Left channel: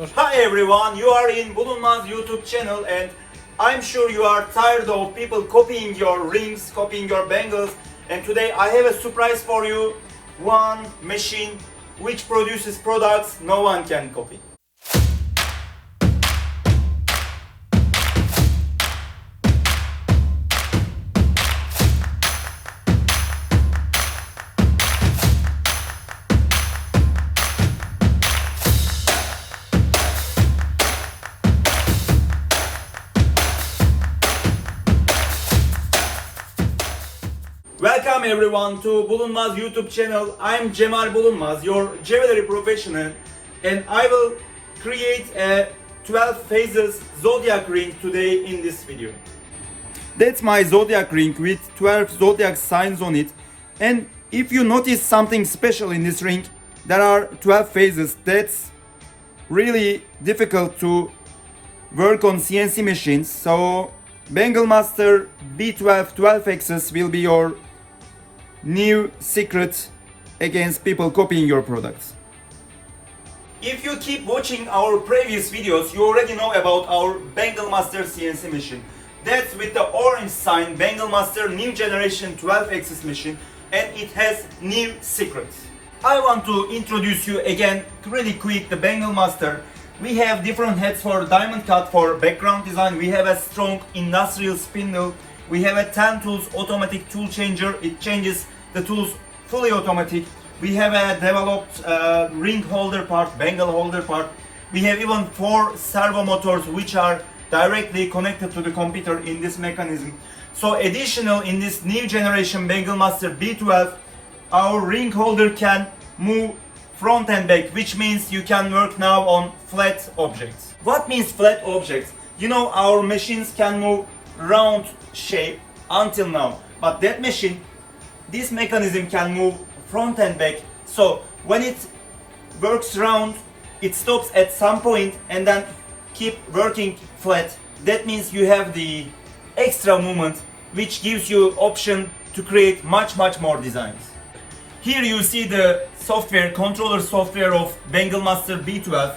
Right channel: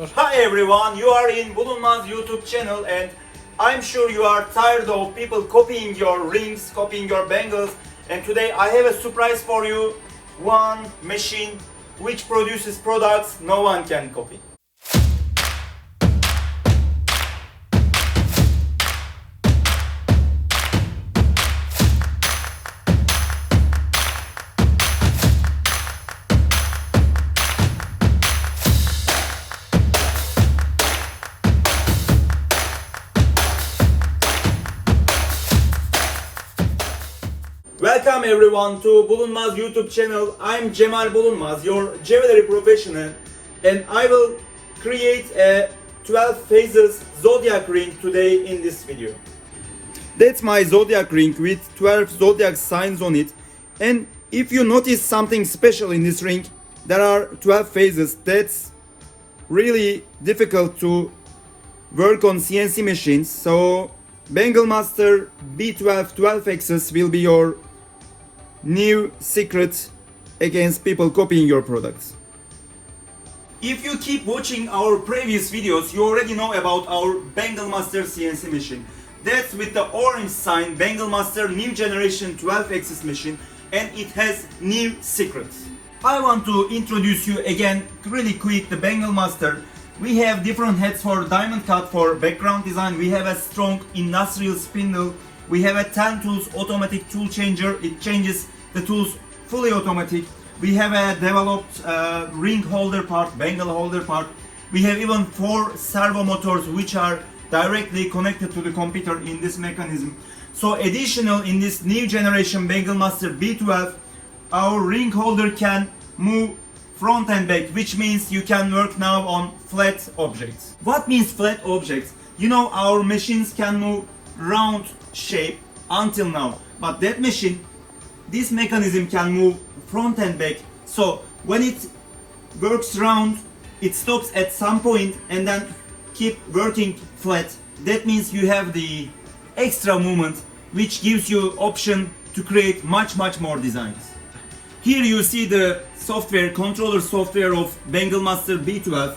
Hi everyone, you are in Bulunmaz YouTube channel and I'm sure you are tired of people copying your rings, copying your bangles, and today I have a surprise for you. One machine which produces products no one can copy. Welcome everyone to Bulunmaz YouTube channel. I'm Cemal Bulunmaz, your jewelry professional, and I will create a 12 phases zodiac ring today in this video. That's my zodiac ring with 12 zodiac signs on it. And if you notice something special in this ring, there are 12 phases. That's really difficult to work on CNC machines. So Banglemaster B12 12 axis will be your new secret against people copying your products. If you keep watching our previous videos, you already know about our Banglemaster CNC machine. That's with the orange sign, Banglemaster new generation 12 axis machine, and it has new secrets. I want to introduce you again really quick the Banglemaster. We have different heads for diamond cut for background design. We have a strong industrial spindle. We have a 10 tools automatic tool changer. It changes the tools fully automatic. We have a developed ring holder part, bangle holder part. We have even 4 servo motors which are directly connected to the computer in this mechanism. So additional in this new generation Banglemaster B12, our ring holder can move front and back, which means you can work now on flat objects. What means flat objects? You know, our machines can move round shape until now, but that machine, this mechanism can move front and back. So when it works round, it stops at some point and then keep working flat. That means you have the extra movement which gives you option to create much more designs. Here you see the software, controller software of Banglemaster B12.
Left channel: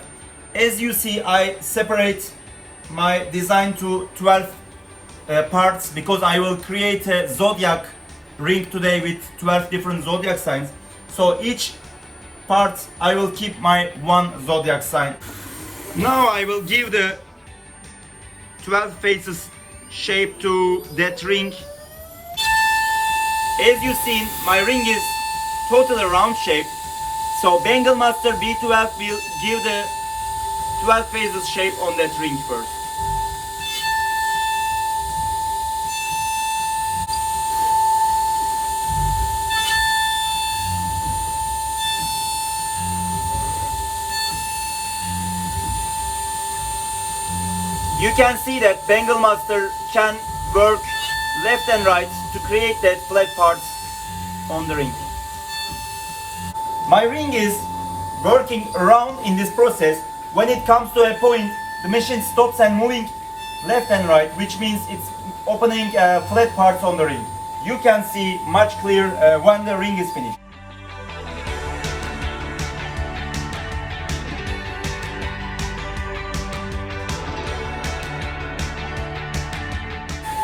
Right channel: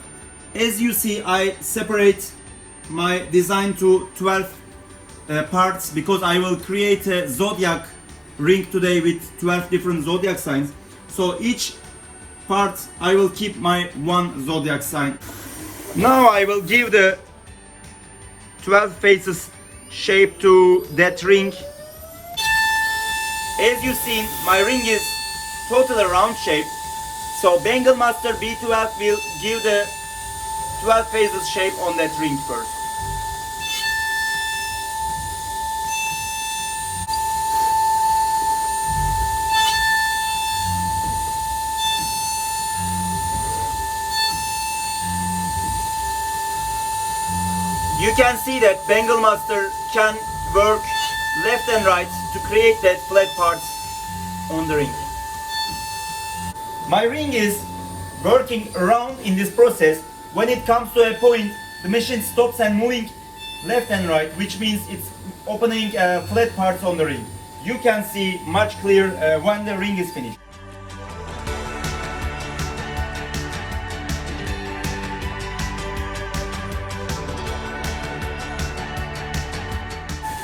As you see, I separate my design to 12 parts because I will create a zodiac ring today with 12 different zodiac signs. So each part I will keep my one zodiac sign. Now I will give the 12 faces shape to that ring. As you see, my ring is totally round shape. So Banglemaster B12 will give the 12 phases shape on that ring first. You can see that Banglemaster can work left and right to create that flat parts on the ring. My ring is working around in this process. When it comes to a point, the machine stops and moving left and right, which means it's opening flat parts on the ring. You can see much clearer when the ring is finished.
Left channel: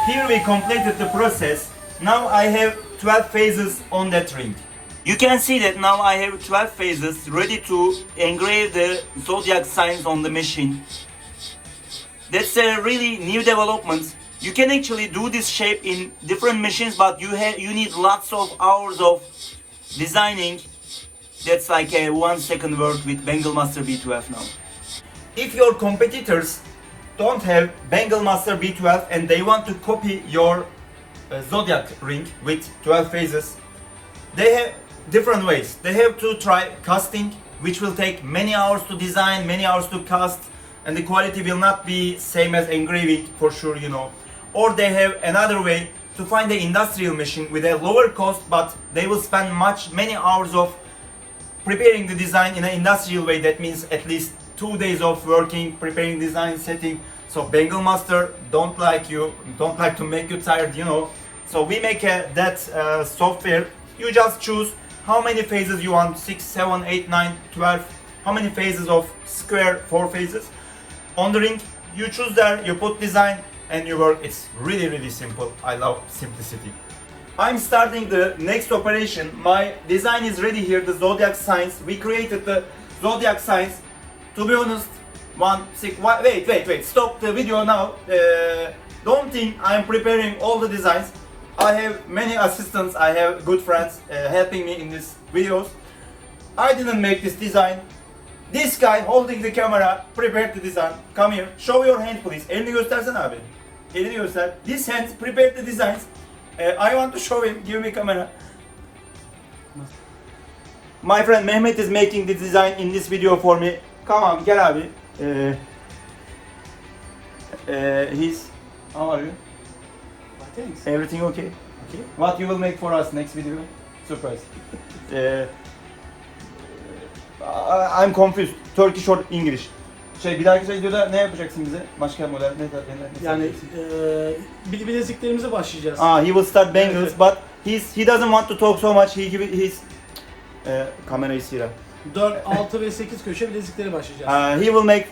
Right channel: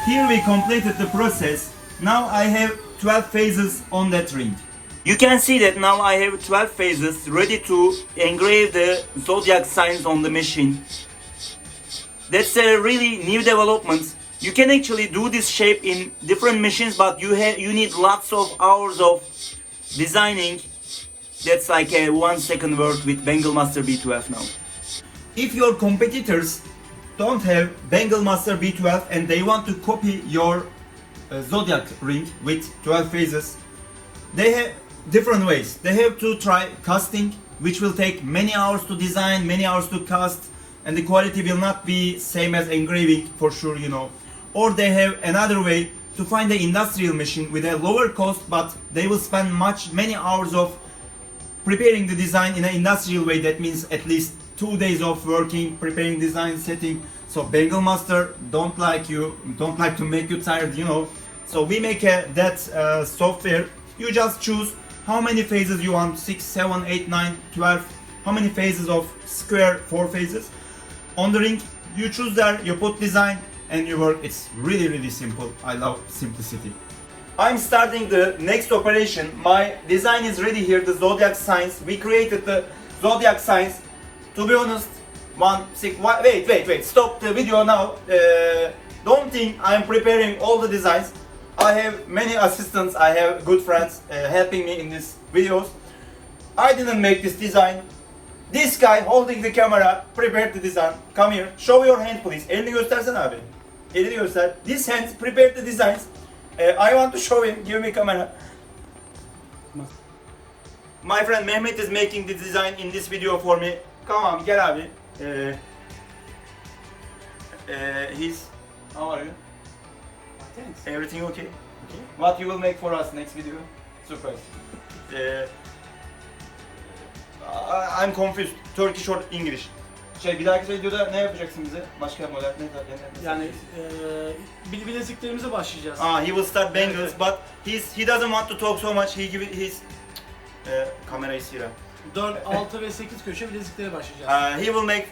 Here we completed the process. Now I have 12 phases on that ring. You can see that now I have 12 phases ready to engrave the zodiac signs on the machine. That's a really new development. You can actually do this shape in different machines, but you need lots of hours of designing. That's like a 1 second work with Banglemaster B12 now. If your competitors don't have Banglemaster B12 and they want to copy your zodiac ring with 12 phases, they have different ways. They have to try casting, which will take many hours to design, many hours to cast, and the quality will not be same as engraving for sure, you know. Or they have another way to find the industrial machine with a lower cost, but they will spend many hours of preparing the design in an industrial way. That means at least 2 days of working, preparing design, setting. So Banglemaster don't like to make you tired, you know. So we make that software. You just choose how many phases you want, 6, 7, 8, 9, 12, how many phases of square, 4 phases. On the ring, you choose there, you put design, and you work. It's really simple. I love simplicity. I'm starting the next operation. My design is ready here, the zodiac signs. We created the zodiac signs. To be honest, wait, stop the video now. Don't think I'm preparing all the designs. I have many assistants, I have good friends helping me in these videos. I didn't make this design. This guy holding the camera prepared the design. Come here, show your hand please. Elini göstersene abi. Elini göster. This hand prepared the designs. I want to show him. Give me camera. My friend Mehmet is making the design in this video for me. Come on, gel abi. How are you? Thanks. Everything okay? Okay. What you will make for us next video? Surprise. I'm confused. Turkish or English? Bir dahaki videoda ne yapacaksın bize? Başka model ne? Yani bileziklerimize başlayacağız. He will start bangles, evet. But he doesn't want to talk so much. He give his camera is here. 4, 6 ve 8 köşe bileziklere başlayacağız. He will make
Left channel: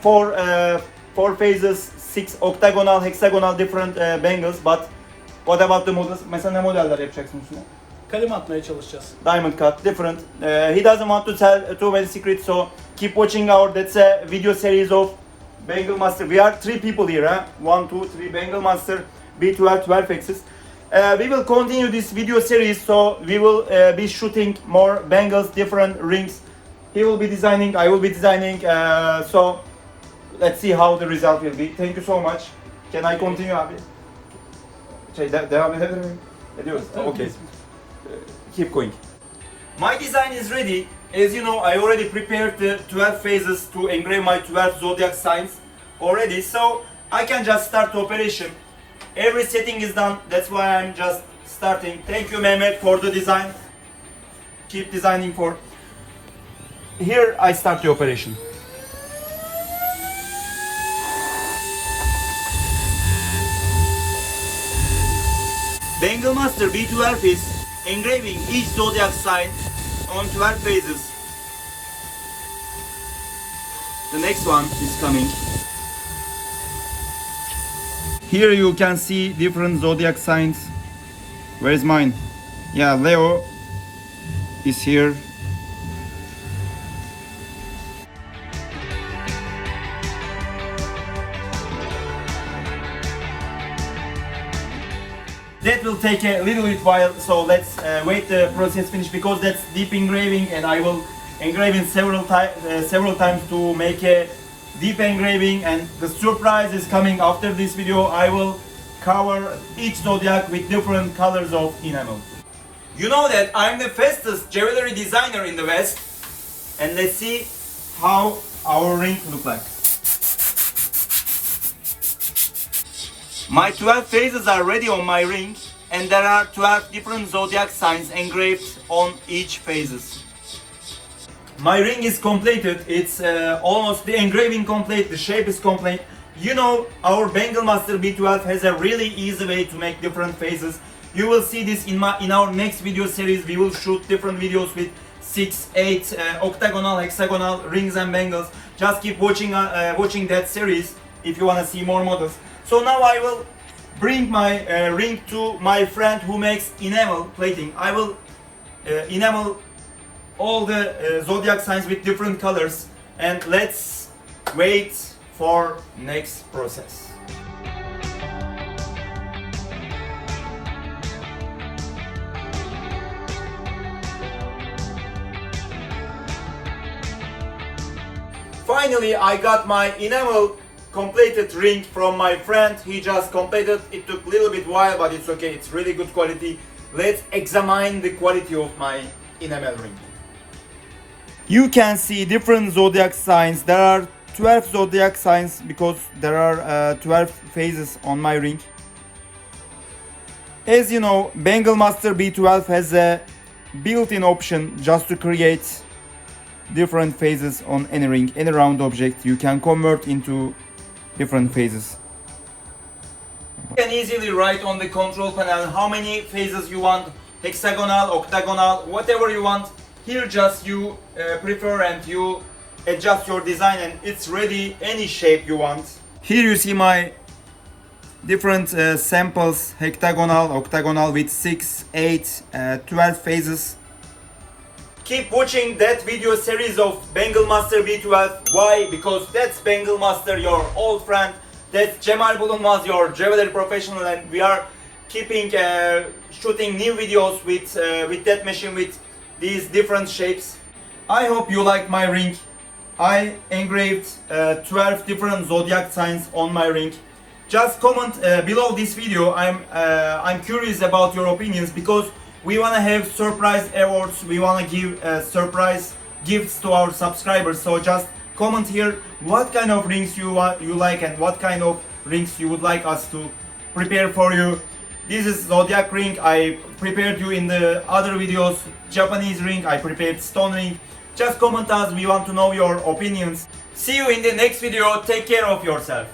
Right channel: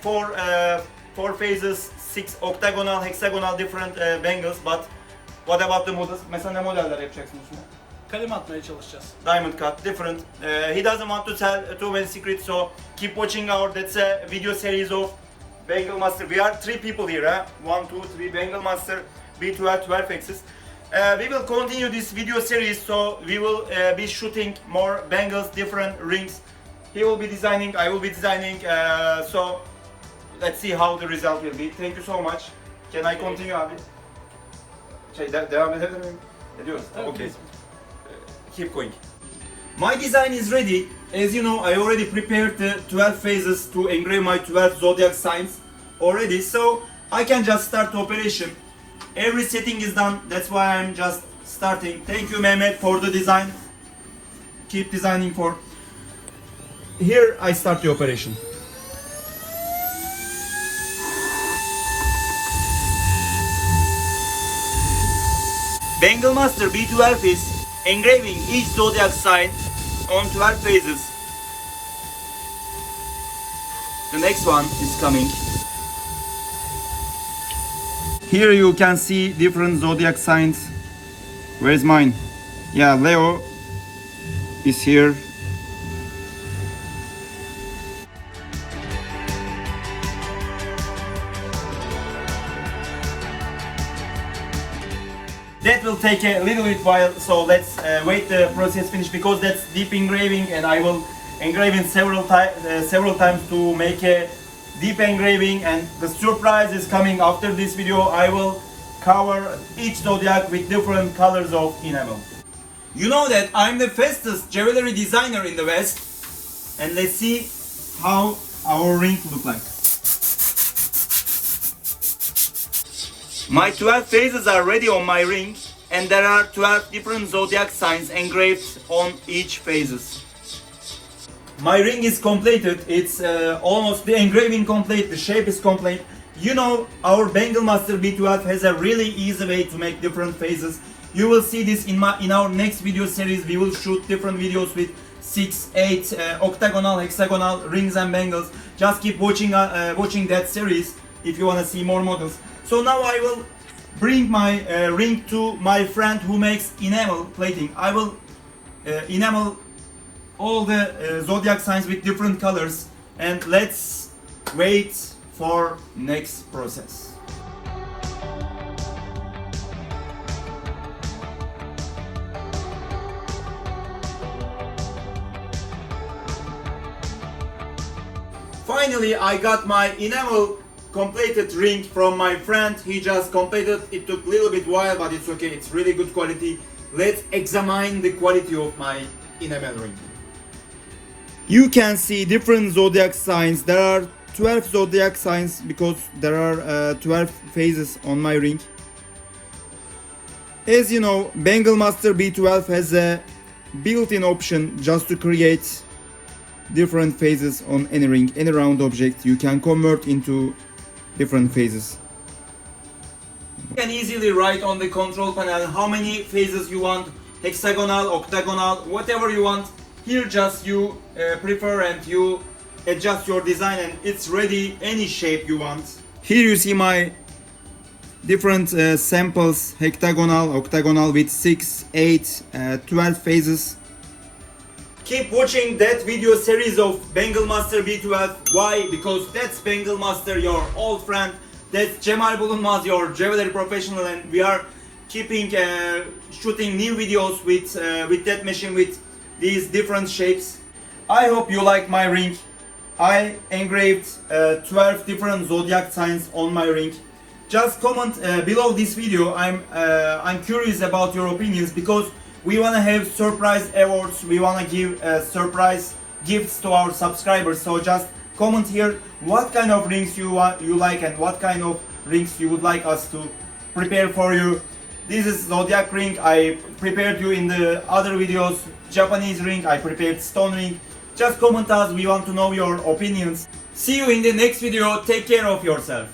four phases, 6 octagonal, hexagonal different bangles, but what about the models? Mesela ne modeller yapacaksın üstüne? Kalem atmaya çalışacağız. Diamond cut, different. He doesn't want to tell too many secrets, so keep watching that's a video series of Banglemaster. We are 3 people here, 1, 2, 3, Banglemaster B12, 12 axis. We will continue this video series, so we will be shooting more bangles, different rings. He will be designing, I will be designing, so let's see how the result will be. Thank you so much. Can I continue abi? Devam edebilir miyim? Ediyoruz. Okay. Keep going. My design is ready. As you know, I already prepared the 12 phases to engrave my 12 zodiac signs already, so I can just start the operation. Every setting is done, that's why I'm just starting. Thank you Mehmet for the design. Keep designing for. Here I start the operation. Banglemaster B12 is engraving each zodiac sign on 12 phases. The next one is coming. Here you can see different zodiac signs. Where is mine? Yeah, Leo is here. That will take a little bit while, so let's wait the process finish, because that's deep engraving and I will engrave it several times to make a deep engraving, and the surprise is coming after this video. I will cover each zodiac with different colors of enamel. You know that I'm the fastest jewelry designer in the West, and let's see how our ring look like. My 12 phases are ready on my ring, and there are 12 different zodiac signs engraved on each phases. My ring is completed. It's almost the engraving complete, the shape is complete. You know, our Banglemaster B12 has a really easy way to make different phases. You will see this in our next video series. We will shoot different videos with 6, 8 octagonal, hexagonal rings and bangles. Just keep watching that series if you want to see more models. So now I will bring my ring to my friend who makes enamel plating. I will enamel all the zodiac signs with different colors, and let's wait for next process. Finally, I got my enamel completed ring from my friend. He just completed. It took a little bit while, but it's okay. It's really good quality. Let's examine the quality of my enamel ring. You can see different zodiac signs. There are 12 zodiac signs because there are 12 phases on my ring. As you know, Banglemaster B12 has a built-in option just to create different phases on any ring, any round object. You can convert into different phases. You can easily write on the control panel how many phases you want, hexagonal, octagonal, whatever you want. Here just you prefer and you adjust your design and it's ready any shape you want. Here you see my different samples, hexagonal, octagonal with 6, 8, 12 phases. Keep watching that video series of Banglemaster B12. Why? Because that's Banglemaster, your old friend. That's Cemal Bulunmaz, your jewelry professional, and we are keeping shooting new videos with that machine with these different shapes. I hope you like my ring. I engraved 12 different zodiac signs on my ring. Just comment below this video. I'm curious about your opinions because we wanna have surprise awards. We wanna give surprise gifts to our subscribers. So just comment here what kind of rings you like and what kind of rings you would like us to prepare for you. This is zodiac ring. I prepared you in the other videos. Japanese ring. I prepared stone ring. Just comment us. We want to know your opinions. See you in the next video. Take care of yourself.